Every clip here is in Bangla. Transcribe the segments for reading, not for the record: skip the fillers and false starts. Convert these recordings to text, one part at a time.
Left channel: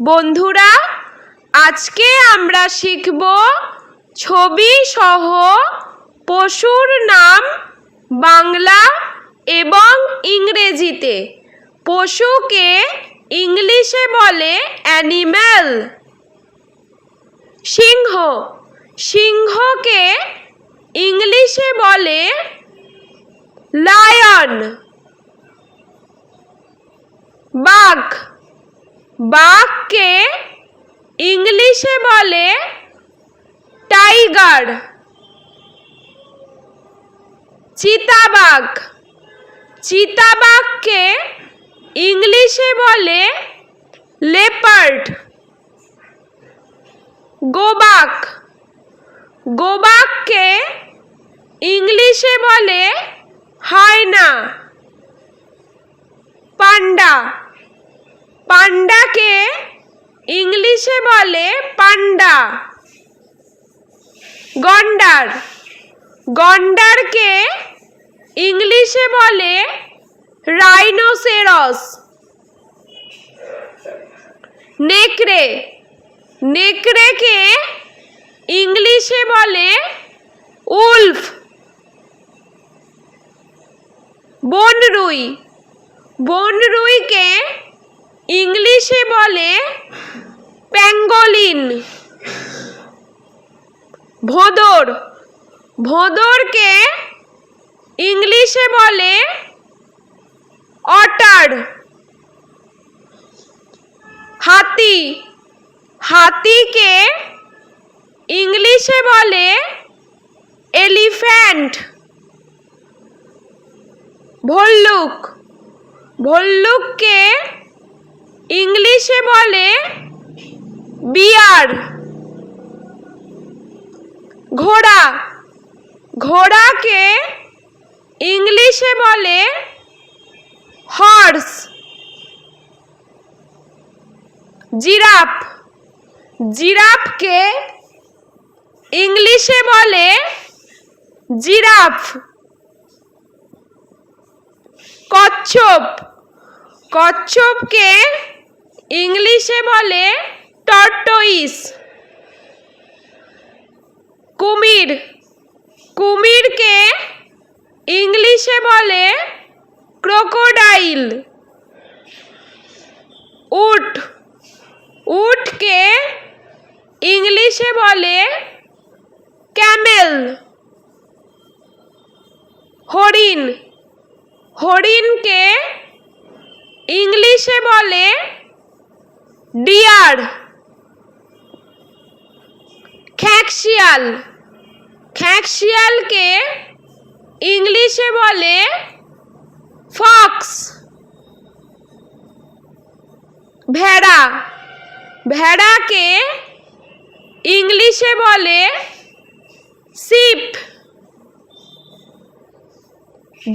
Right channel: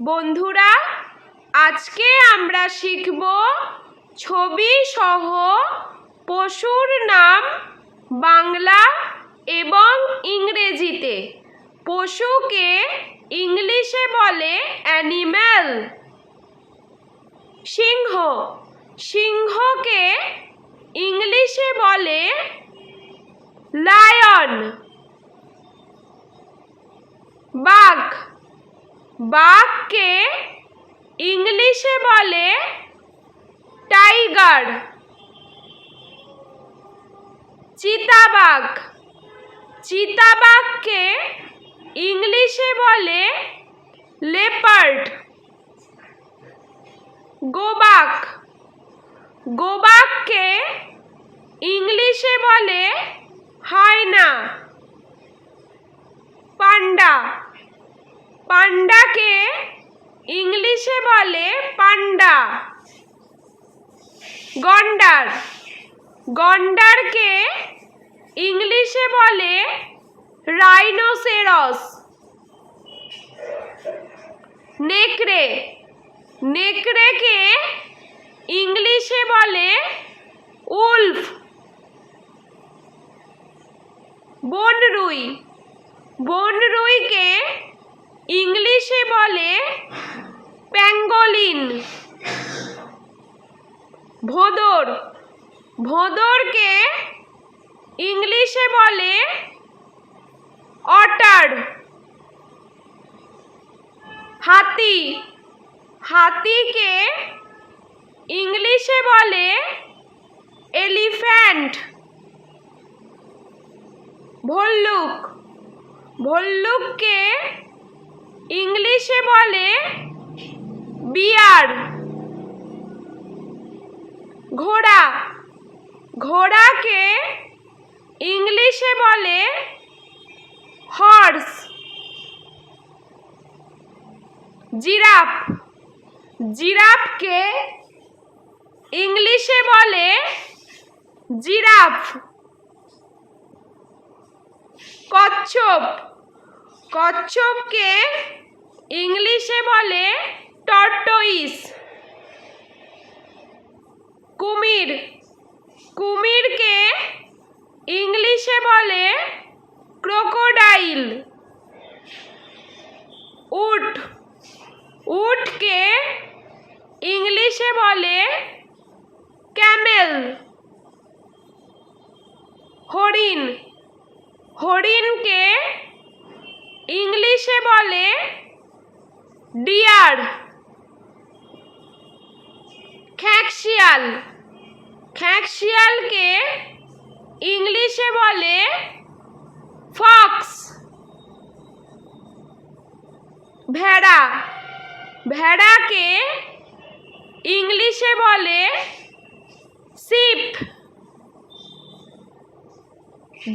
বন্ধুরা, আজকে আমরা শিখব ছবি সহ পশুর নাম বাংলা এবং ইংরেজিতে। পশুকে ইংলিশে বলে অ্যানিম্যাল। সিংহ, সিংহকে ইংলিশে বলে লায়ন। বাঘ, বাঘকে ইংলিশে বলে টাইগার। চিতাবাঘ, চিতাবাঘকে ইংলিশে বলে লেপার্ড। গোবাক, গোবাককে ইংলিশে বলে হায়না। পান্ডা, পান্ডাকে ইংলিশে বলে পান্ডা। গন্ডার, গন্ডারকে ইংলিশে বলে রাইনোসেরস। নেকড়ে, নেকড়েকে ইংলিশে বলে উলফ। বনরুই, বনরুইকে ইংলিশে বলে প্যাঙ্গোলিন। ভোঁদর, ভোঁদরকে ইংলিশে বলে অটার। হাতি, হাতিকে ইংলিশে বলে এলিফ্যান্ট। ভল্লুক, ভল্লুককে ইংলিশে বলে বিয়ার। ঘোড়া, ঘোড়াকে ইংলিশে বলে হর্স। জিরাফ, জিরাফকে ইংলিশে বলে জিরাফ। কচ্ছপ, কচ্ছপকে ইংলিশে বলে টর্টয়েস। কুমির, কুমিরকে ইংলিশে বলে ক্রোকোডাইল। উট, উটকে ইংলিশে বলে ক্যামেল। হরিণ, হরিণকে ইংলিশে বলে ডিয়ার। খ্যাঁকশিয়াল, খ্যাঁকশিয়ালকে ইংলিশে বলে ফক্স। ভেড়া, ভেড়াকে ইংলিশে বলে শিপ।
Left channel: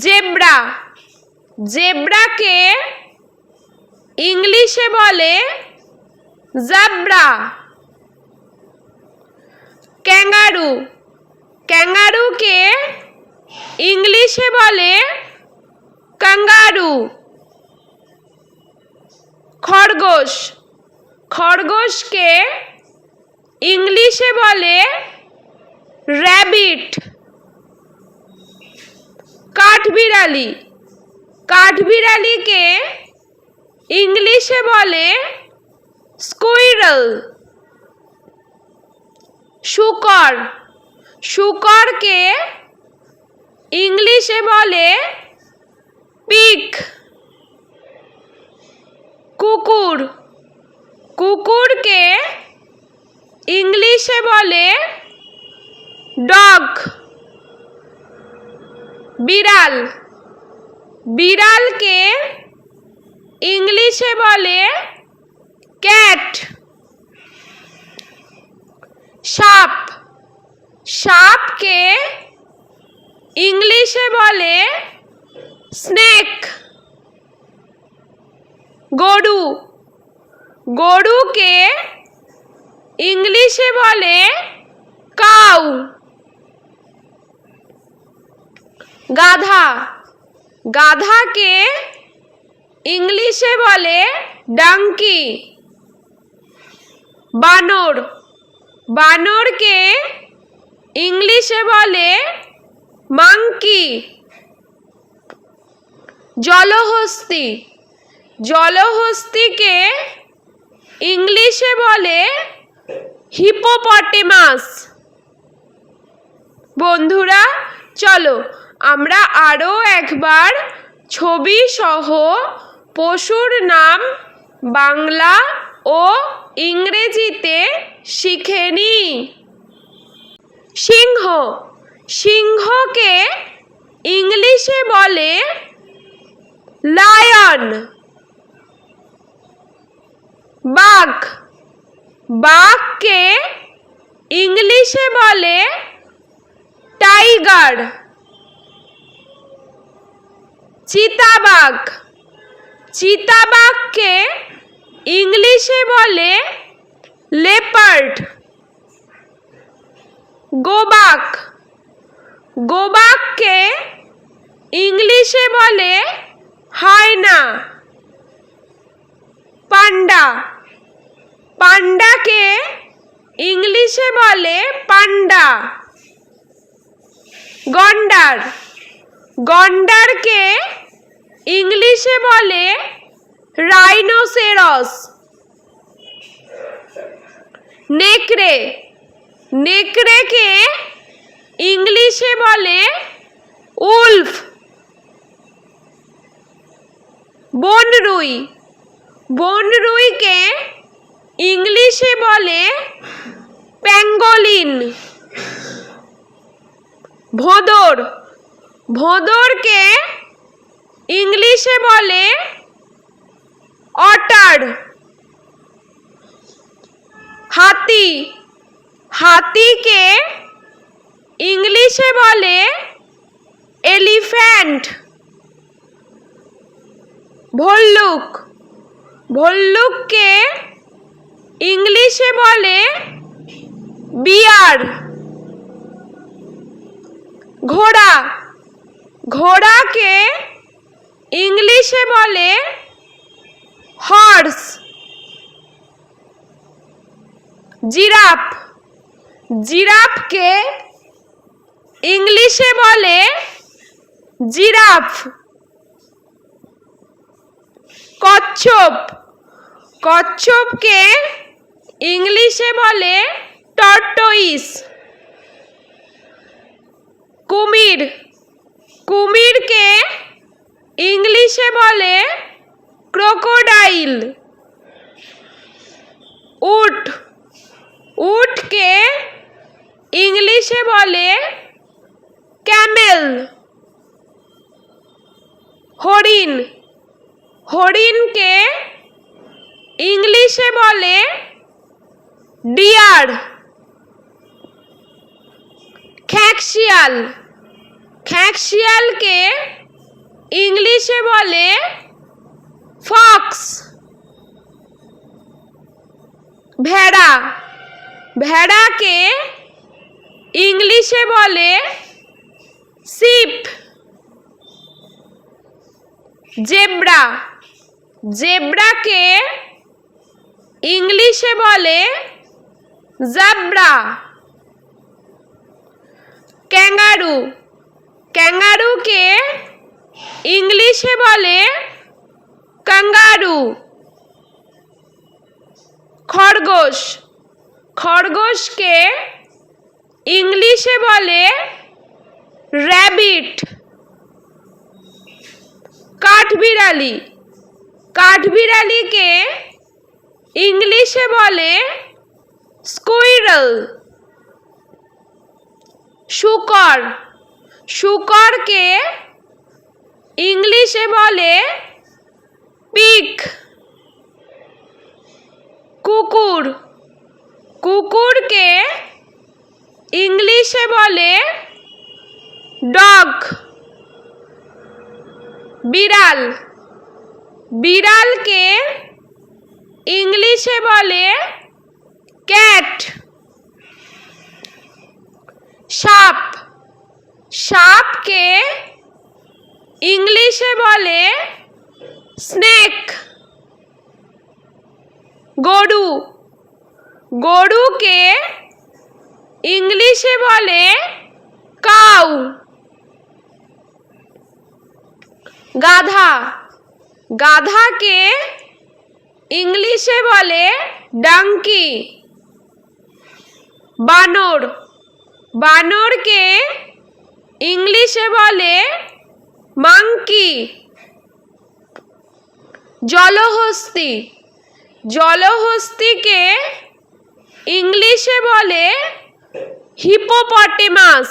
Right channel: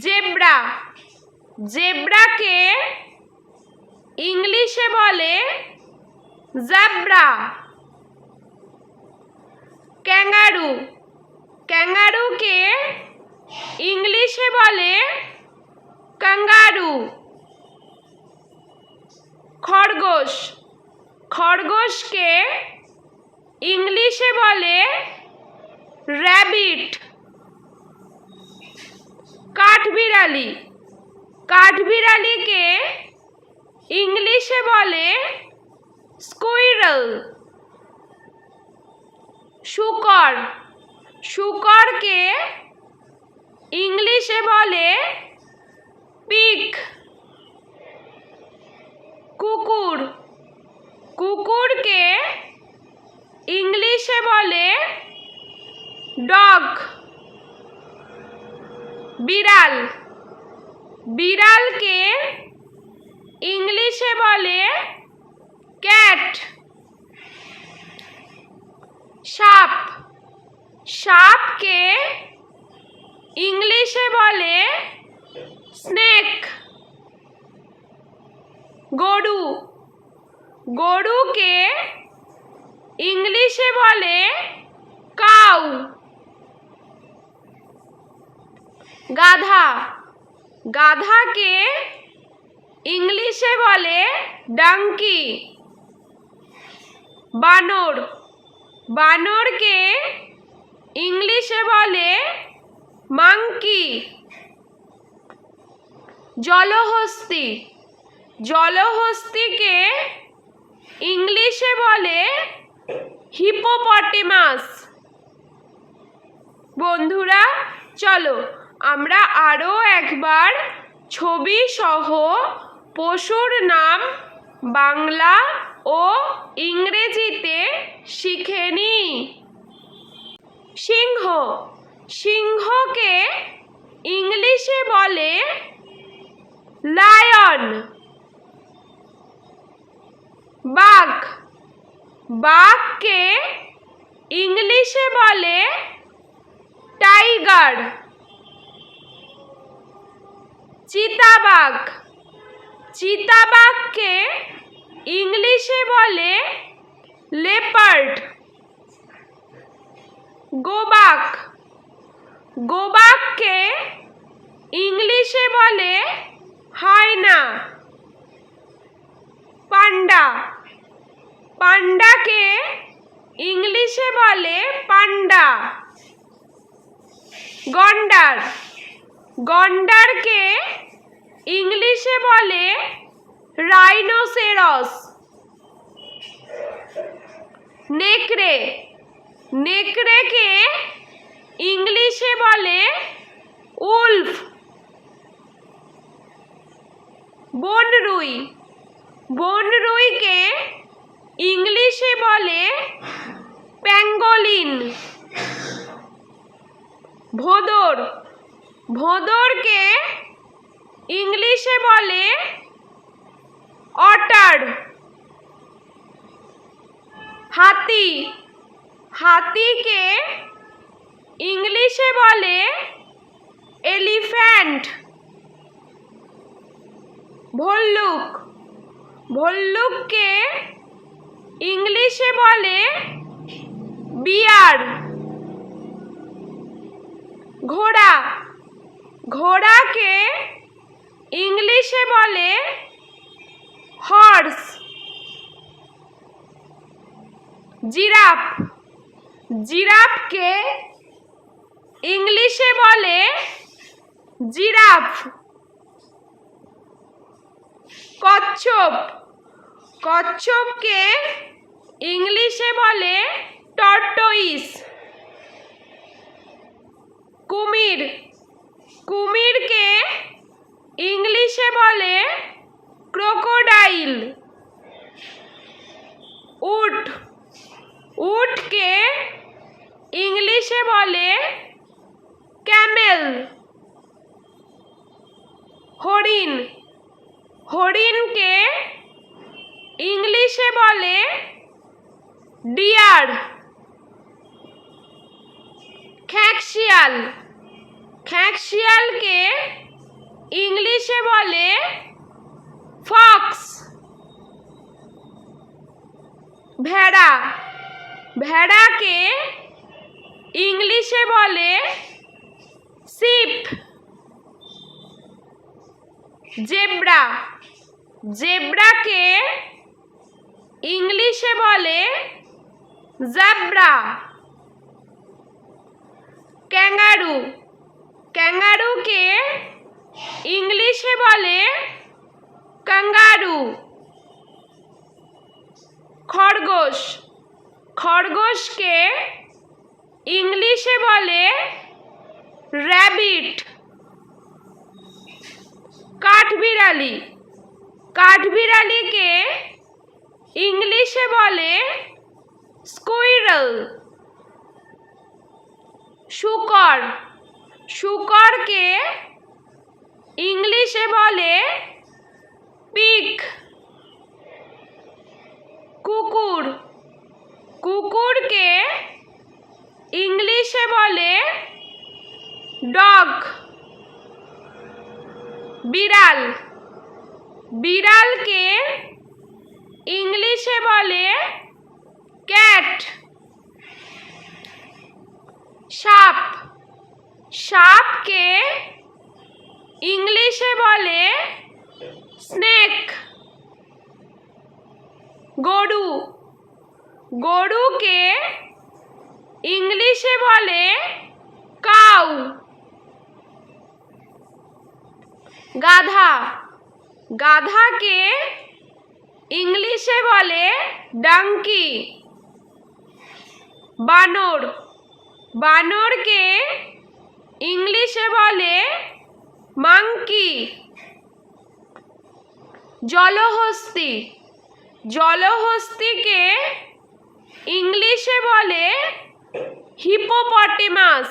জেব্রা, জেব্রাকে ইংলিশে বলে জাব্রা। ক্যাঙ্গারু, ক্যাঙ্গারুকে ইংলিশে বলে কাঙ্গারু। খরগোশ, খরগোশকে ইংলিশে বলে র্যাবিট। কাঠবিড়ালি, কাঠবিড়ালিকে ইংলিশে বলে স্কুইরল। শূকর, শূকরকে ইংলিশে বলে পিগ। কুকুর, কুকুরকে ইংলিশে বলে ডগ। বিড়াল, বিড়ালকে ইংলিশে বলে ক্যাট। সাপ, সাপকে ইংলিশে বলে স্নেক। গরু, গরুকে ইংলিশে বলে কাউ। গাধা, গাধাকে ইংলিশে বলে ডাঙ্কি। বানর, বানরকে ইংলিশে বলে মাংকি। জলহস্তী, জলহস্তিকে ইংলিশে বলে হিপোপটেমাস। বন্ধুরা চলো আমরা আরও একবার ছবি সহ পশুর নাম বাংলা ও ইংরেজিতে শিখে নিই। সিংহ, সিংহকে ইংলিশে বলে লায়ন। বাঘ, বাঘকে ইংলিশে বলে টাইগার। চিতাবাঘ, চিতাবাঘকে ইংলিশে বলে লেপার্ড। গোবাক, গোবাককে ইংলিশে বলে হায়না। পান্ডা, পান্ডাকে ইংলিশে বলে পান্ডা। গন্ডার, গন্ডারকে ইংলিশে বলে রাইনোসেরস। নেকড়ে, নেকড়েকে ইংলিশে বলে উলফ। বনরুই, বনরুইকে ইংলিশে বলে প্যাঙ্গোলিন। ভোঁদর, ভোঁদরকে ইংলিশে বলে অটার। হাতি, হাতিকে ইংলিশে বলে এলিফ্যান্ট। ভল্লুক, ভল্লুককে ইংলিশে বলে বিয়ার। ঘোড়া, ঘোড়াকে ইংলিশে বলে হর্স। জিরাফ, জিরাফকে ইংলিশে বলে জিরাফ। কচ্ছপ, কচ্ছপকে ইংলিশে বলে টর্টয়েস। কুমির, কুমিরকে ইংলিশে বলে ক্রোকোডাইল। উট, উটকে ইংলিশে বলে ক্যামেল। হরিণ, হরিণকে ইংলিশে বলে ডিয়ার। খ্যাঁকশিয়াল, খ্যাঁকশিয়ালকে ইংলিশে বলে ফক্স। ভেড়া, ভেড়াকে ইংলিশে বলে শিপ। জেব্রা, জেব্রাকে ইংলিশে বলে জাব্রা। ক্যাঙ্গারু, ক্যাঙ্গারুকে ইংলিশে বলে কাঙ্গারু। খরগোশ, খরগোশকে ইংলিশে বলে র্যাবিট। কাঠবিড়ালি, কাঠবিড়ালিকে ইংলিশে বলে স্কুইরল। শূকর, শূকরকে ইংলিশে বলে পিগ। কুকুর, কুকুরকে ইংলিশে বলে ডগ। বিড়াল, বিড়ালকে ইংলিশে বলে ক্যাট। সাপ, সাপকে ইংলিশে বলে স্নেক। গরু, গরুকে ইংলিশে বলে কাউ। গাধা, গাধাকে ইংলিশে বলে ডাঙ্কি। বানর, বানরকে ইংলিশে বলে মাংকি। জলহস্তী, জলহস্তীকে ইংলিশে বলে হিপোপটেমাস।